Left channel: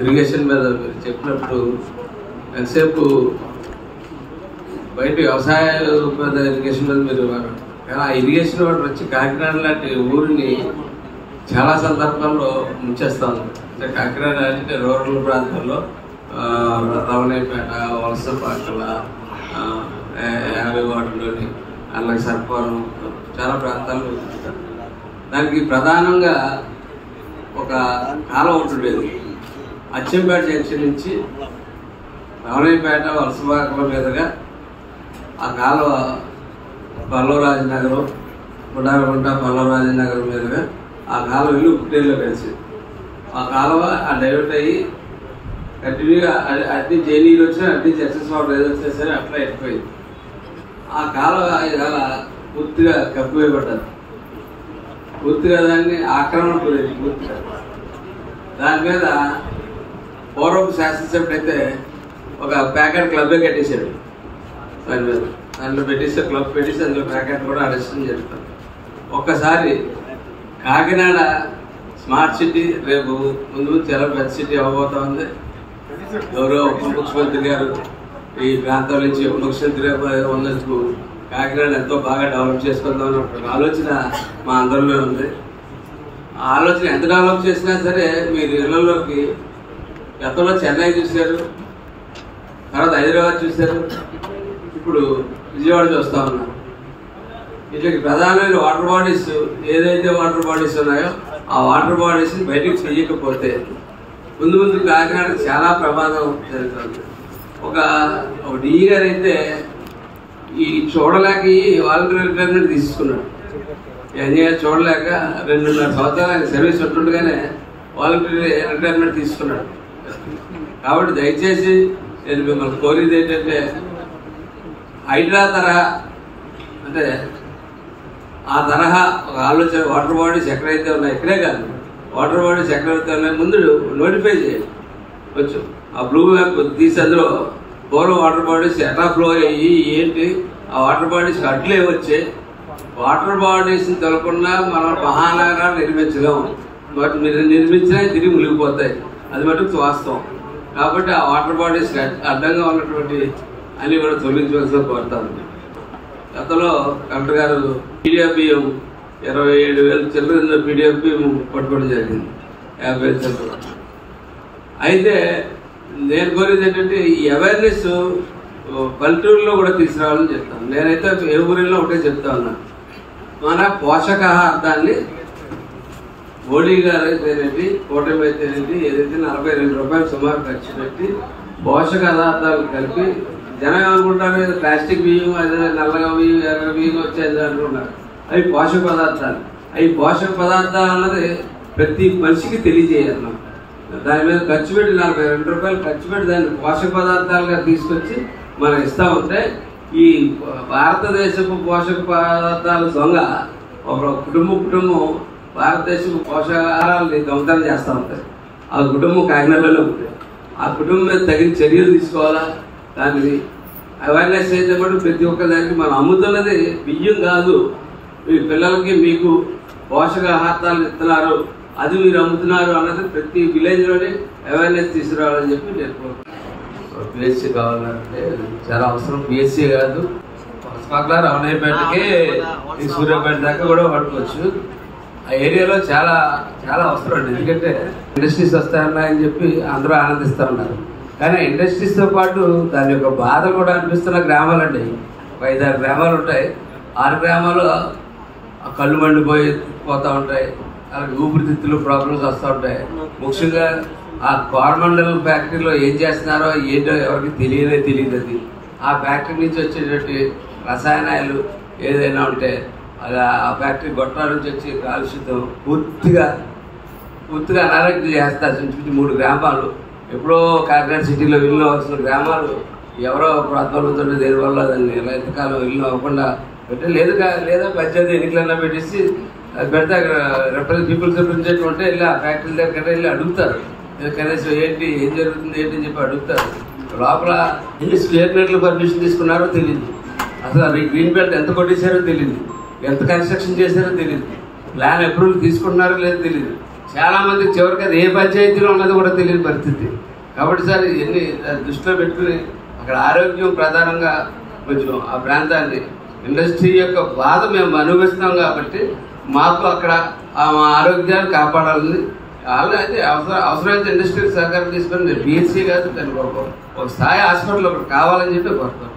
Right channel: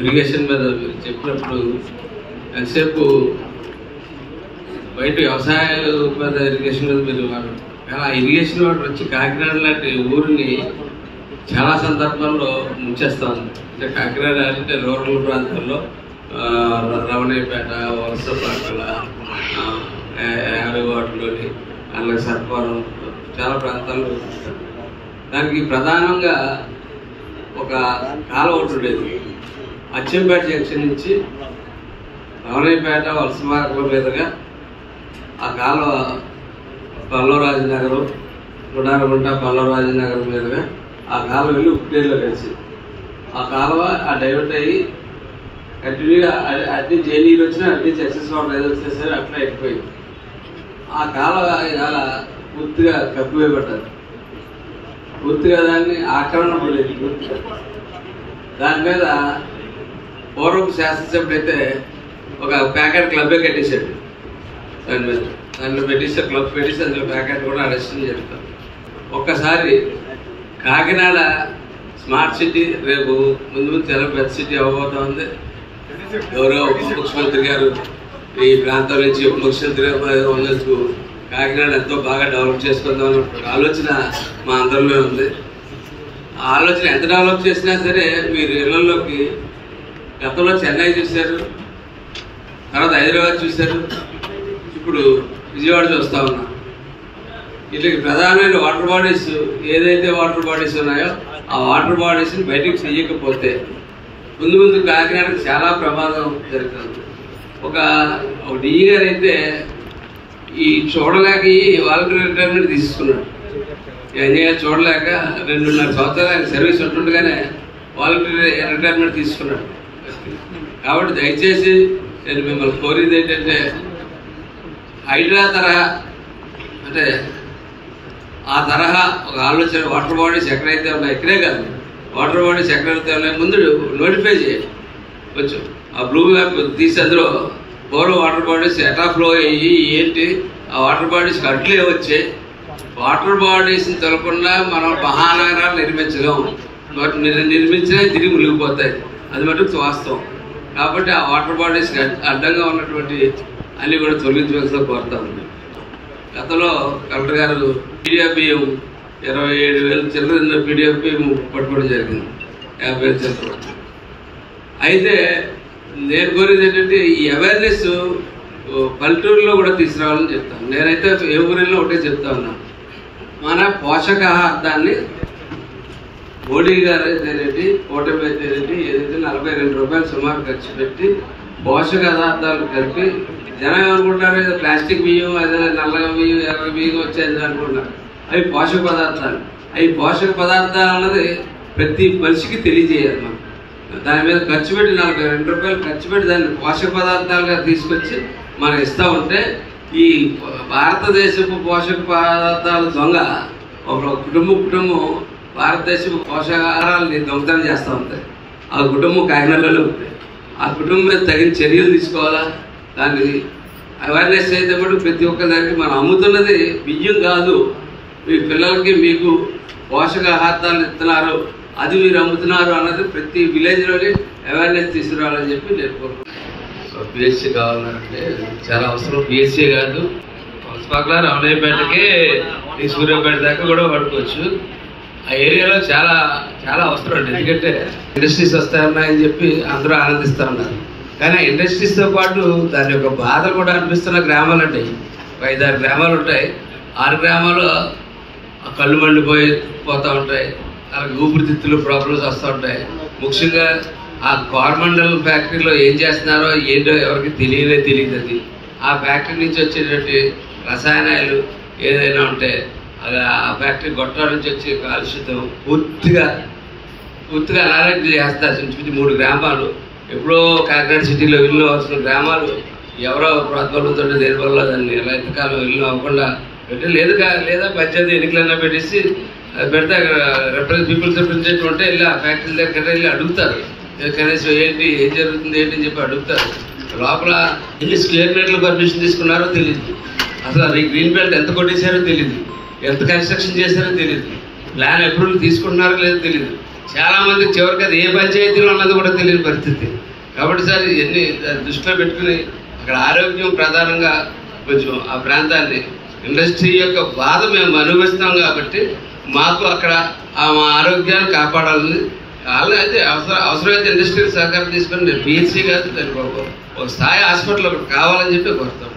Irrigation మీద మీరు చెప్పినప్పుడు ఎంతసేపు బయట వ్యవసాయ మీద ఇరిగేషన్ మీద మీరు ఇరిగేషన్ వాడు వచ్చి కాకినాడ లాంటి ఊరిని చాలా సందర్భాల్లో ముంచేస్తాము. అంటే కాకినాడ అంటే రూరల్ ప్రాంతాల్లో రమణయ్యపేట, వలసపాకల, యాభైవాడలోని అలాగే సర్పవరం చాలా ప్రాంతాల్లో ఉంటారు. దానికి ప్రధానంగా ఒక కాలువ ఒకటి ఉండేది. అచ్చంపేట జంక్షన్ నుంచి రమణయ్యపేట, వలసపాకల మీదుగా ఆ కాలువ పల్లవరాజనగరం, గుడారగుంట, పల్లవరాజనగరం మీదుగా ఆ కాలువ వెళ్ళి ఉప్పుడేరులో కలిసి ఆ కాలువ ఆ డైవర్ట్ అయ్యి కంటిన్యూగా అన్ని జైనీరు వచ్చినా అన్ని జస్టిస్ వాటర్ ఏదో వచ్చినా సరే అట్లా అయిపోయింది. ఆ కాలువ ఇవాళ పూర్తిగా కప్పివేయబడ్డది. పూర్తిగా దాన్ని ఆక్రమణ పోలేదు. పూర్తిగా దాని మీద పూర్వపు శాసనసభ్యుడు అయితే ఒక ప్యాకెట్ క్లబ్బే కట్టేశాడు. దాని మీద దాంట్లో పెట్టేసి క్లబ్ పెట్టేసి అందులో ప్యాకెట్ కూడా అరెస్ట్ చేస్తాం. ఒక్కసారి కాకినాడ స్మార్ట్ సిటీ రేపు ముందు చాలా పెద్ద సిటీ అవ్వబోతా ఉంది. ఎవరో ముఖ్యమంత్రి గారు ఈ ప్రాంతం నుంచి ముఖ్యమంత్రి గారు ఉన్నందుకు కాకినాడ ఎంతో బాగా డెవలప్ చేసుకుందాం అన్న ఆలోచన మా అందరిలో ఉంది. ఆ ఆలోచన ఎంత డెవలప్ చేసినా సరే మీరు ఇళ్లలోకి గతంలో చెన్నై చూశారు, తర్వాత హైదరాబాద్ చూశారు, ఇప్పుడు విజయవాడ చూస్తూ ఉన్నాం. వీటికి ప్రధానమైన వాటర్ బాడీస్ ఏదైతే వాటర్ బాడీస్ ఉన్నాయో ఆ వాటర్ బాడీస్ని బయటకు తీయకపోతే ముందు ముందు కాకినాడకి చాలా ప్రమాదం జరుగుతుంది. ఒక డిఈ గారు అయితే ఈ చూడలేక వాలంటీర్ రిటైర్మెంట్ తీసుకున్నాడు. ఎన్ఏఆర్ చూడలేక 2.5 సంవత్సరాలు ఆయన సర్వీస్ ఉంటుండగానే వాలంటీర్ రిటైర్మెంట్ తీసుకున్నాడు. కాబట్టి దయచేసి నేను మిమ్మల్ని కోరేది ఏంటంటే హైడ్రా తరహా అంటే ఆ తరహా ఒక ఆలోచన వాటర్ బాడీస్ ఎక్కడైతే ఉన్నాయో ఇక్కడే కాదు, వాటర్ బాడీస్ ఎక్కడైతే ఉన్నాయో ముందు నోటిఫై చేయాలి. కొంచెం ఆ బ్లూ మ్యాప్ తీసి అందులో పూర్వం వాటర్ బాడీస్ ఎట్లా ఫ్లో అయ్యి ఏంటి, ఆ వాటర్ బాడీస్కి అట్లే వచ్చే వాటర్ బాడీస్ని తెలకుండా మనం మహానగరాలు నిర్మించలేము. నిర్మించినా తిరిగి మునిగిపోతాయి. అది మటుకు వాస్తవం. కాబట్టి ఆ వాటర్ బాడీస్కి అడ్డంగా ఉన్నటువంటి అన్నీ కూడా తొలగించవలసిన కోరుతాను. గతంలో కలెక్టర్ గారు పీడిఎఫ్ బియ్యం 27,000 చిల్లర పీడిఎఫ్ బియ్యం పట్టుకోవడం జరిగింది, 50,000 చిల్లర. అయితే నేను కోరేది ఏంటంటే ఈ అవేర్నెస్ పల్లెటూరులో కూడా తీసుకురావాలని చెప్తాను. నేనైతే ఏ ఊరిలో ఒకటే చెప్తా ఉన్నాను, మన పోషకాహారాన్ని మోడీ గారు అయితేనేది, కూటమి అయితేనేది ఏదైతే 42 రూపాయలు సుమారు ఖర్చు పెట్టి పోషక పదార్థాలు కలిపి జనం ఏమనుకుంటారు, ఏదో ప్లాస్టిక్ బియ్యం, అదే నల్ల బియ్యం, 50 బియ్యం వచ్చేది అనుకుంటారు. అవి పోషక పదార్థాలు. అవి పోషక పదార్థాలు అన్నది ప్రతి మనిషికి తెలియజేయాలి. మనం దాని మీద ఖర్చు పెట్టి 42 రూపాయలు ఖర్చు పెట్టి దాన్ని పోషక పదార్థాలుగా తీసుకొచ్చి మనం ఇస్తూ ఉంటే ఈ భారతదేశపు పోషక పదార్థాల దొంగ ఒక కుటుంబం భారతదేశపు పోషకాహారాలని దొంగతనం చేస్తూ ఉంటాయి. ఆ కుటుంబం కాకినాడలో ఉంటుంది. ఆ కుటుంబం మీద తగిన చర్యలు తీసుకోవాలా. దాన్ని అవేర్నెస్ అయితే కూడా ప్రతి ఒక్కదానికి మనం అమ్ముతున్నది బియ్యం కాదు, మీ పిల్లలకి మీకు పోషకాహారాలు ఇస్తున్నారు, అది మీరు అమ్ముతున్నారు అన్నది ప్రతి విలేజ్లోనే అవేర్నెస్ తీసుకురావాలని చెప్పి నేను కోరుకుంటున్నాను. సో పిహెచ్సి కావాలంటే చాలా అవసరం. పిహెచ్సి కాదు, పక్కన రమణయ్యపేటకే ఈ సూర్యాపేట దాకా కూడా పడుకోవచ్చు. ఆ ఏరియాలో చాలా చాలా అవసరం అండి. ఎందుకంటే ఇండస్ట్రీస్ వస్తాయన్నాయని చెప్పి అందరూ ఆనందిస్తూ ఉన్నారు. కానీ ఇండస్ట్రీస్తో పాటు దాని యొక్క బాధలు కూడా అనిపిస్తున్న గ్రామాలు అండి. 5-6 గ్రామాలు ఉంటాయి. 6 గ్రామాలు కళ్ళు మండిపోతూ ఉంటాయి. అలాగే ఊపిరితిత్తులు ప్రాబ్లమ్స్ వస్తూ ఉంటాయి. ముఖ్యంగా ఆ కోరమండల్ ఫ్యాక్టరీలో ఏం చేస్తున్నారో ఏంటో ఎవరికి తెలియదు. అది ఆ ఫ్యాక్టరీ నుంచి వచ్చేటువంటి రసాయనాలు ఏదైనా ఉంటే అలా ఆ ఫ్యాక్టరీ గొట్టాల నుంచి వచ్చే కాలుష్యం పూర్తిగా అనారోగ్యం చేస్తారు. 3 గ్రామాలు ఎప్పుడో కాకినాడ సిటీలో ఇల్లు అవసరం గ్రామాలు ఎవరో ప్రాంతంలో దేనివల్ల దాన్ని ఎలా ఎంతకాలం ఇల్లు అవ్వకుండా పెట్టి లేదా పంచాయతీ ఎన్నికలైనా పెట్టేసి పెడితే పీపుల్స్ రిప్రజెంటేటివ్ ఉంటే వెళ్ళి ఆ ఫ్యాక్టరీ దగ్గర వెళ్ళి అడుగుతారు. కనీసం ఏంటి ఏం జరుగుతుంది ఏంటి అని చెప్పి అడుగుతారు. లోపల ఎన్ని స్క్వేర్ మీటర్లు పర్మిషన్ తీసుకున్నారో తెలియదు. అసలు అది గ్రీన్ బెల్ట్ ఎంత కొట్టేశారో తెలియదు, ఎంత కన్స్ట్రక్షన్ చేశారో తెలియదు, ప్లాన్ అప్రూవల్ తీసుకున్నారో లేదో తెలియదు. చాలామందికి చివరికి అది ఏ పంచాయతీలో ఉన్నది కూడా తెలియని పరిస్థితి. కాబట్టి సార్ ఇవన్నీ దృష్టిలో పెట్టుకుని అక్కడ ఆరోగ్యం ప్రధానంగా కొంచెం ఆ ప్రాంతాన్ని ఇండస్ట్రీ యొక్క బాధ మేము అనుభవిస్తాం కాబట్టి మాకు అక్కడ మా ఆరోగ్యాన్ని కాపాడాలని అలాగే అవసరమైతే ఇండస్ట్రీ సహకారం తీసుకొని పిహెచ్సి కాదు దానికి ఒక స్థాయి హాస్పిటల్ ఒకటి కావాలని చెప్పి కోరుతాం.